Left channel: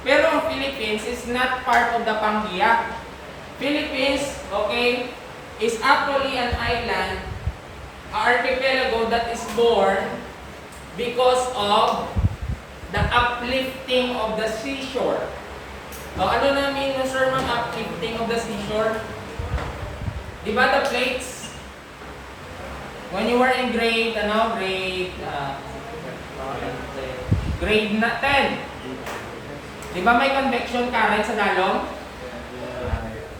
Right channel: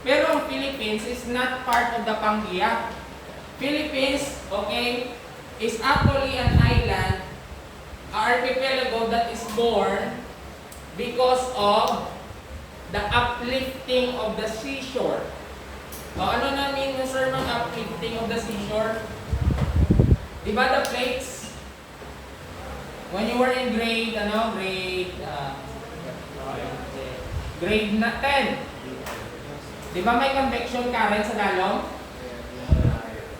Pero ang Philippines is not part of the Pangaea. Philippines, okay, is actually an island, an archipelago that is born because of the uplifting of the seashore. O, ano na mean mo, sir, mang uplifting of the seashore? Di ba the plates? When you were in grade, grade 10. Di ba may convection current sa dalong?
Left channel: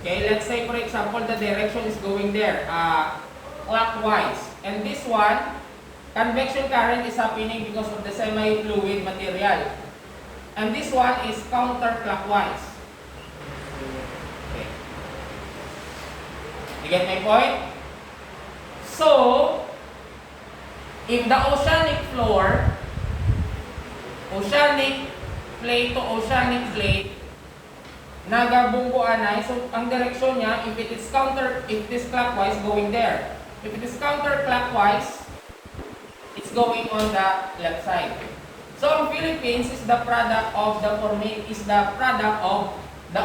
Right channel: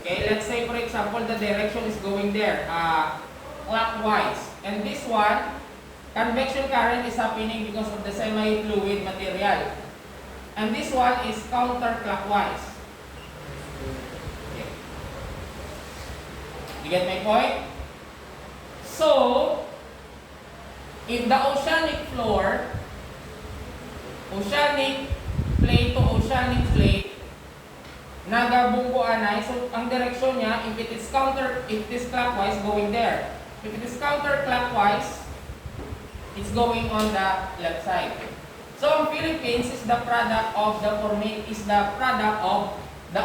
Okay, let's say for example, the direction is going there, clockwise. And this one, convection current is happening because of the semi-fluid material. And this one is counterclockwise. Okay. You get my point? So, if the oceanic floor, oceanic plate to oceanic plate, nagabungkuan na, so ang direksyon niya, if it is clockwise, going there. If it is counterclockwise, it's going on the left side. So ang Philippines is the product of the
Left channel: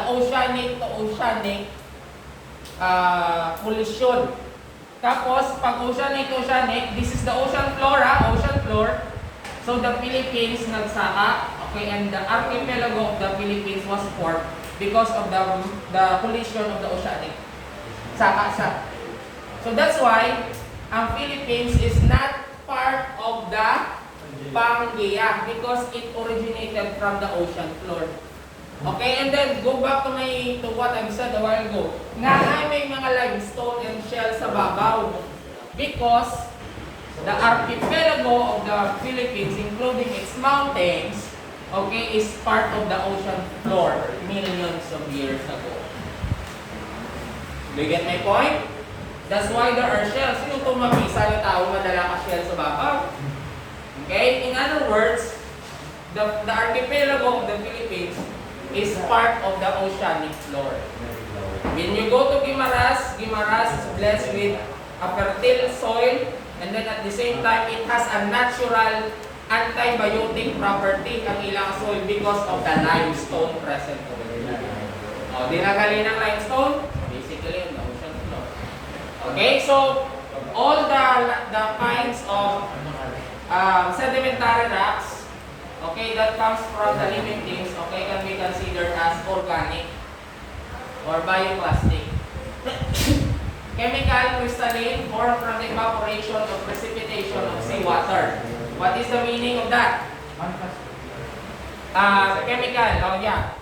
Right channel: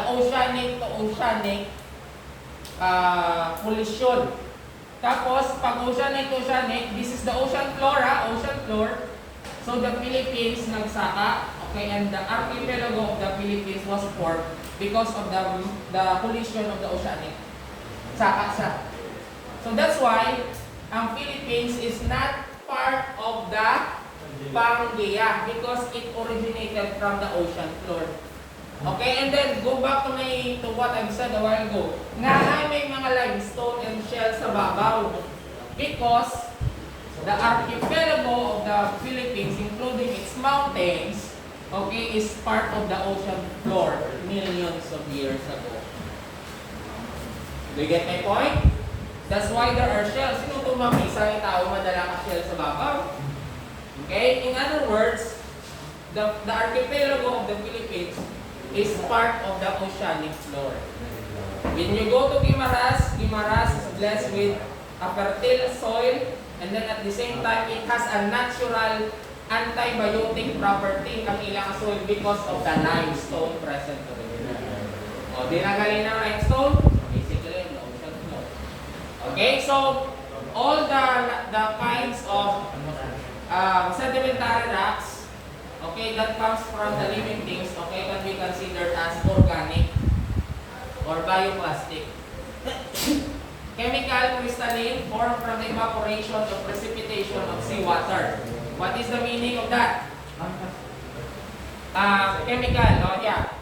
oceanic to oceanic collision. Tapos pag oceanic to oceanic, this is the ocean floor. So the Philippines nagsaka, okay, and the archipelago of the Philippines was formed because of the collision of the oceanic. Saka siya. So that's why ang Philippines is not part of the Pangaea because it originated from the ocean floor. Okay, and then go back to what I said a while ago. Nga may mga limestone and shell sa babaw because the archipelago of the Philippines, including its mountains, okay, is part of the ocean floor millions of years ago. Do you get my point? That's why there are shells. Sino itong mamisa ng tao madala ka shell sa babaw? Okay? In other words, the archipelago of the Philippines is part of the oceanic floor. When you go to Guimaras is blessed with a fertile soil, and then at the same time, it has a natural antibiotic property ang ilang soil because of the limestone present over there. O, dinagaling ng limestone, basically, the ocean floor. Okay, so, all the kinds of sedimentary rocks, okay, that comes from the living things, okay, can be considered as organic or bioplastic. Chemical crystalline formed from the evaporation or precipitation of seawater. What is the meaning of that? Chemical, oh yeah.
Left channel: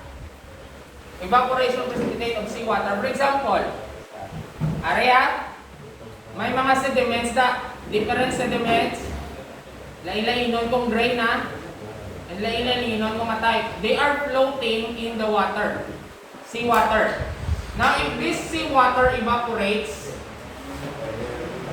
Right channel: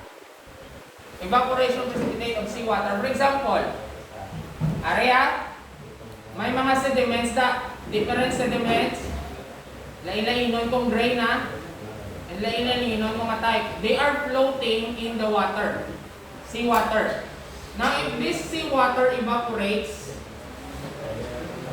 Evaporation or precipitation of seawater. For example, area, may mga sediments na, different sediments, lain-lainon kong gray na, and lain-lainon mga type. They are floating in the water, seawater. Now, if this seawater evaporates,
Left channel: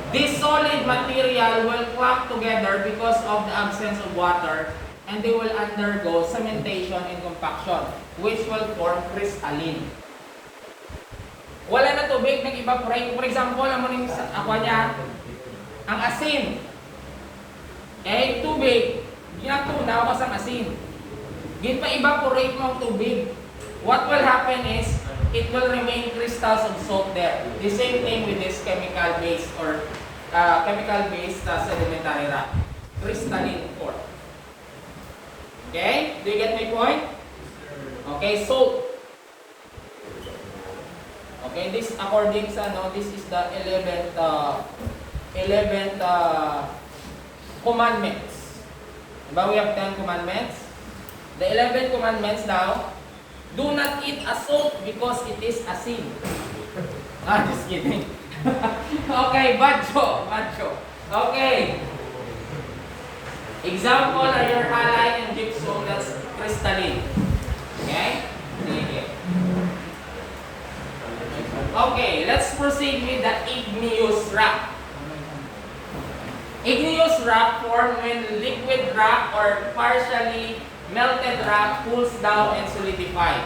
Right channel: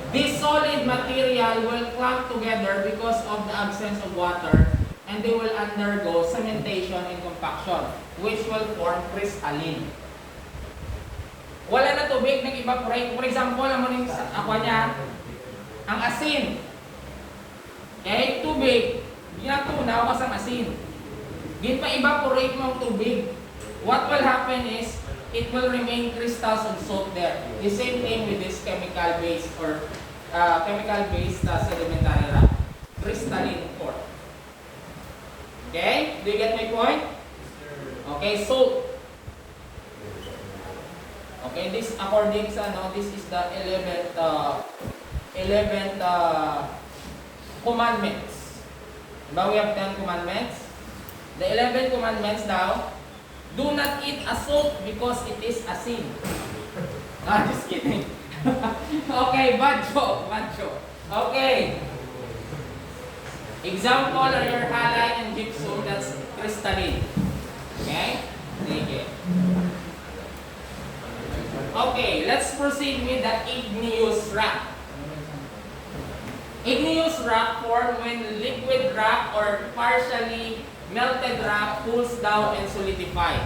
this solid material will clump together because of the absence of water, and they will undergo cementation and compaction, which will form crystalline. Wala na tubig, nag-evaporate. For example, naman yung aqua niya, ang asin. Okay, tubig. Pinatunaw ka sa asin. Di pa evaporate mo ang tubig. What will happen is, it will remain crystals of salt there. The same thing with this chemical-based or chemical-based sedimentary rock. Crystalline form. Okay? Do you get my point? Okay, salt. Okay, this according sa this is the 11th commandments. Diba we have 10 commandments? The 11 commandments now, do not eat a salt because it is asin. Just kidding. Okay, bad joke. Okay. Example are your halite and gypsum, that's crystalline. Okay? Okay. Okay, let's proceed with the igneous rock. Igneous rock formed when liquid rock or partially melted rock cools down and solidifies.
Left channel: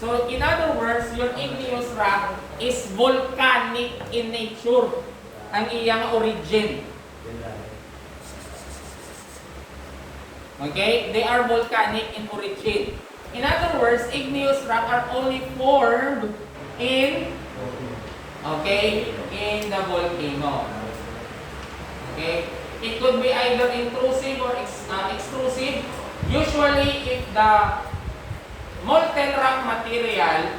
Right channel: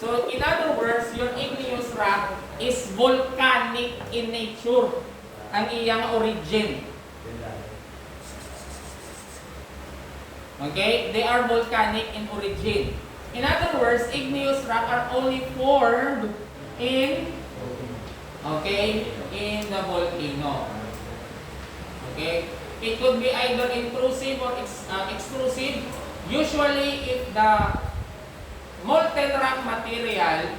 So, in other words, your igneous rock is volcanic in nature. Ang iyang origin. Okay? They are volcanic in origin. In other words, igneous rock are only formed in, okay, in the volcano. Okay? It could be either intrusive or extrusive. Usually, if the molten rock material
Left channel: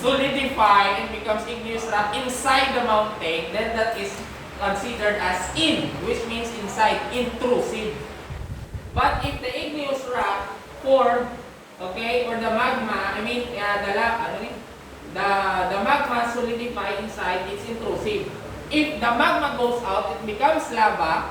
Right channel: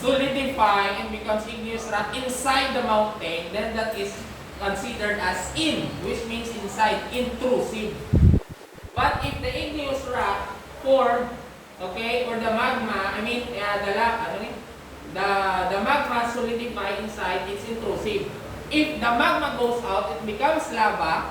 solidify and becomes igneous rock inside the mountain, then that is considered as which means inside, intrusive. But if the igneous rock formed, okay, or the magma, the magma solidify inside, it's intrusive. If the magma goes out, it becomes lava,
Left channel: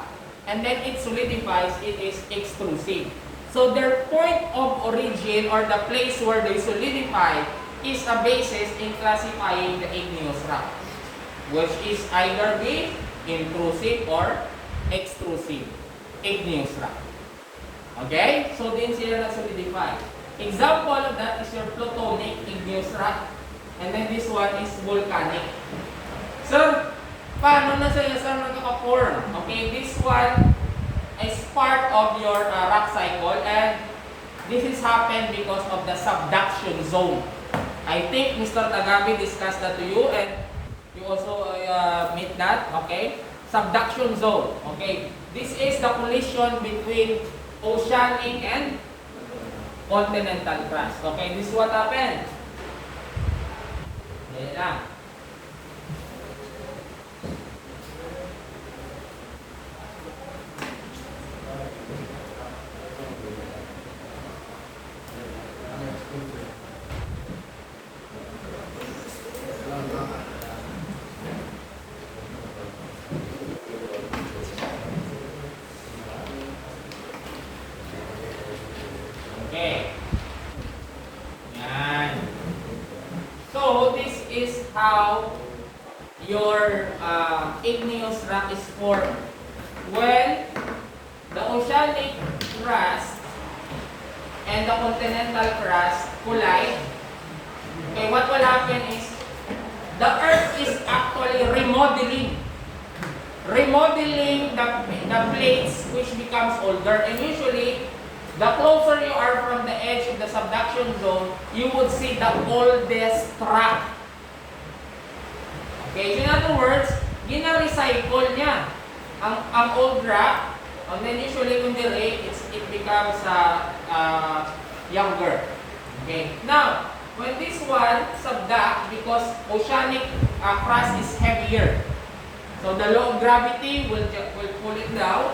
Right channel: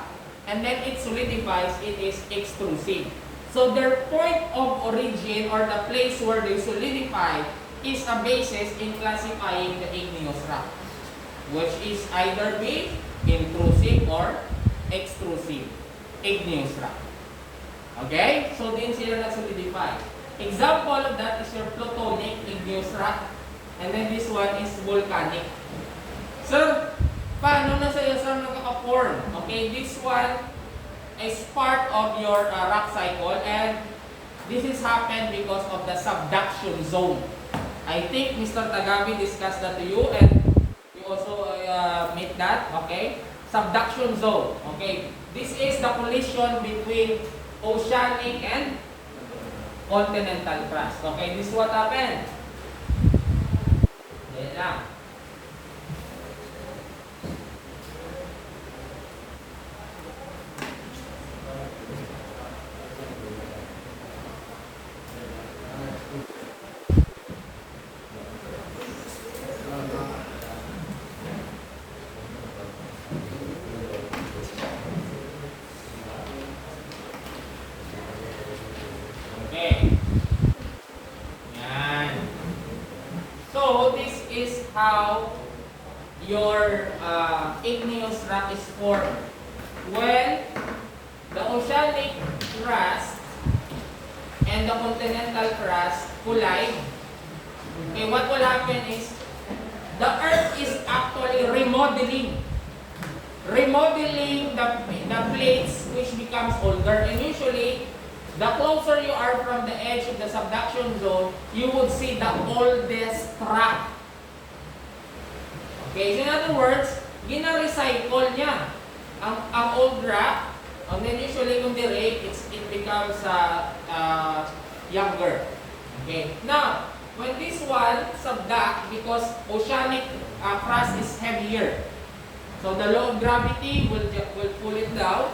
and then it solidifies, it is extrusive. So their point of origin or the place where they solidify is a basis in classifying the igneous rock, which is either be intrusive or extrusive igneous rock. Okay? So din sila na-solidify. Example of that is your plutonic igneous rock, and then this one is volcanic. Sir, paano na siya nagkaka-form? Okay, this one is part of your rock cycle, and this is happened because of the subduction zone. I think Mr. Tagabi discussed that to you, and you also meet that, okay? Subduction zone, okay? This is the collision between oceanic and continental crust, okay? This is what happened. Yan lang. Okay. Yan. So, this is how your igneous rock is formed. When the oceanic crust and the continental crust collide, okay, what will happen is the earth is actually remodeling the plates, which becomes older, and usually the closer you are from the edge of the subduction zone, you would see the oldest rock. Okay, so in other words, gina-recycle niya ang old rock, and then usually kung dire, it becomes younger. Okay, now, when this one subduct, because oceanic crust is heavier, so the law of gravity will pull it down.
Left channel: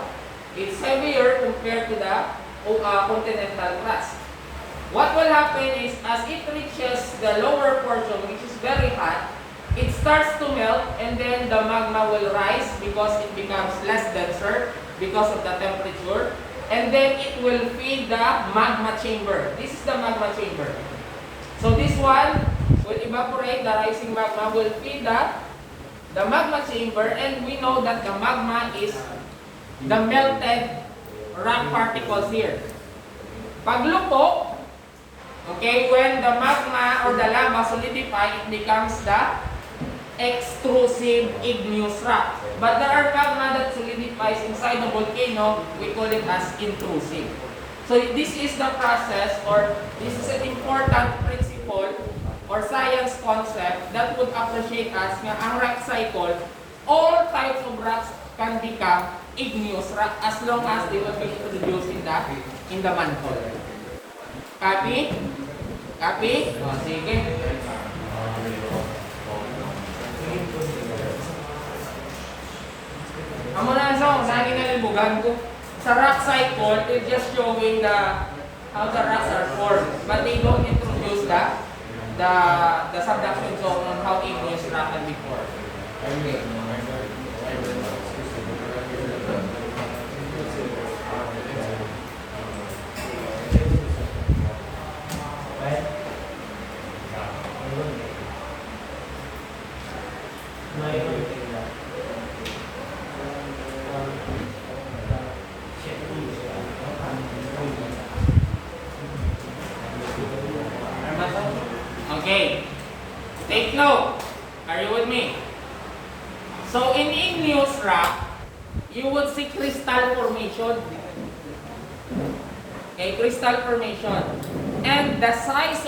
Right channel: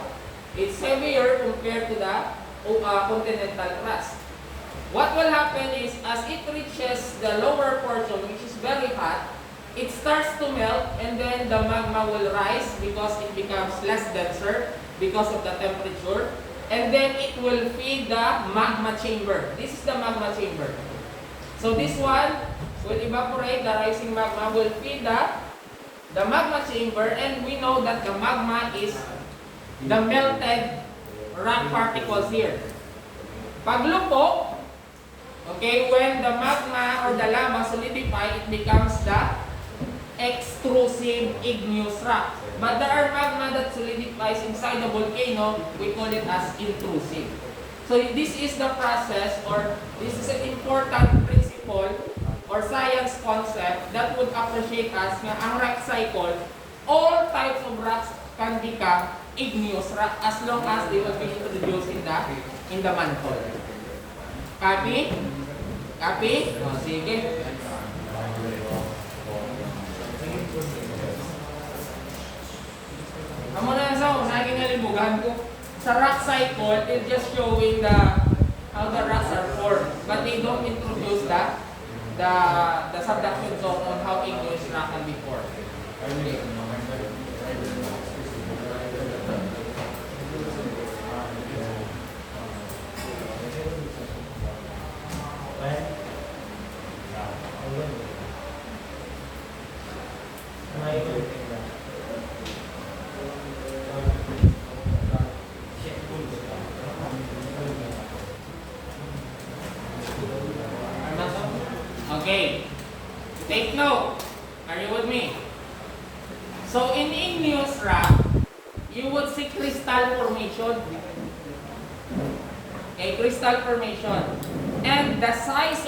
It's heavier compared to the continental crust. What will happen is, as it reaches the lower portion, which is very hot, it starts to melt, and then the magma will rise because it becomes less denser because of the temperature, and then it will feed the magma chamber. This is the magma chamber. So this one will evaporate, the rising magma will feed the magma chamber, and we know that the magma is the melted rock particles here. Paglupok, okay, when the magma or the lava solidify, it becomes the extrusive igneous rock. But there are magma that solidifies inside the volcano, we call it as intrusive. So this is the process, or this is an important principle or science concept that would appreciate us nga ang rock cycle, all types of rocks can become igneous rock as long as they will be introduced in the mantle. Copy? Copy? O, sige. Amo na sa naging nalibugan ko. Sa rock cycle, they're just showing how the rocks are formed, but they don't introduce the subduction zone on how igneous rock can be formed. Okay. Okay, take note. Are you with me? So in igneous rock, you would see crystal formation. Okay, crystal formation. the size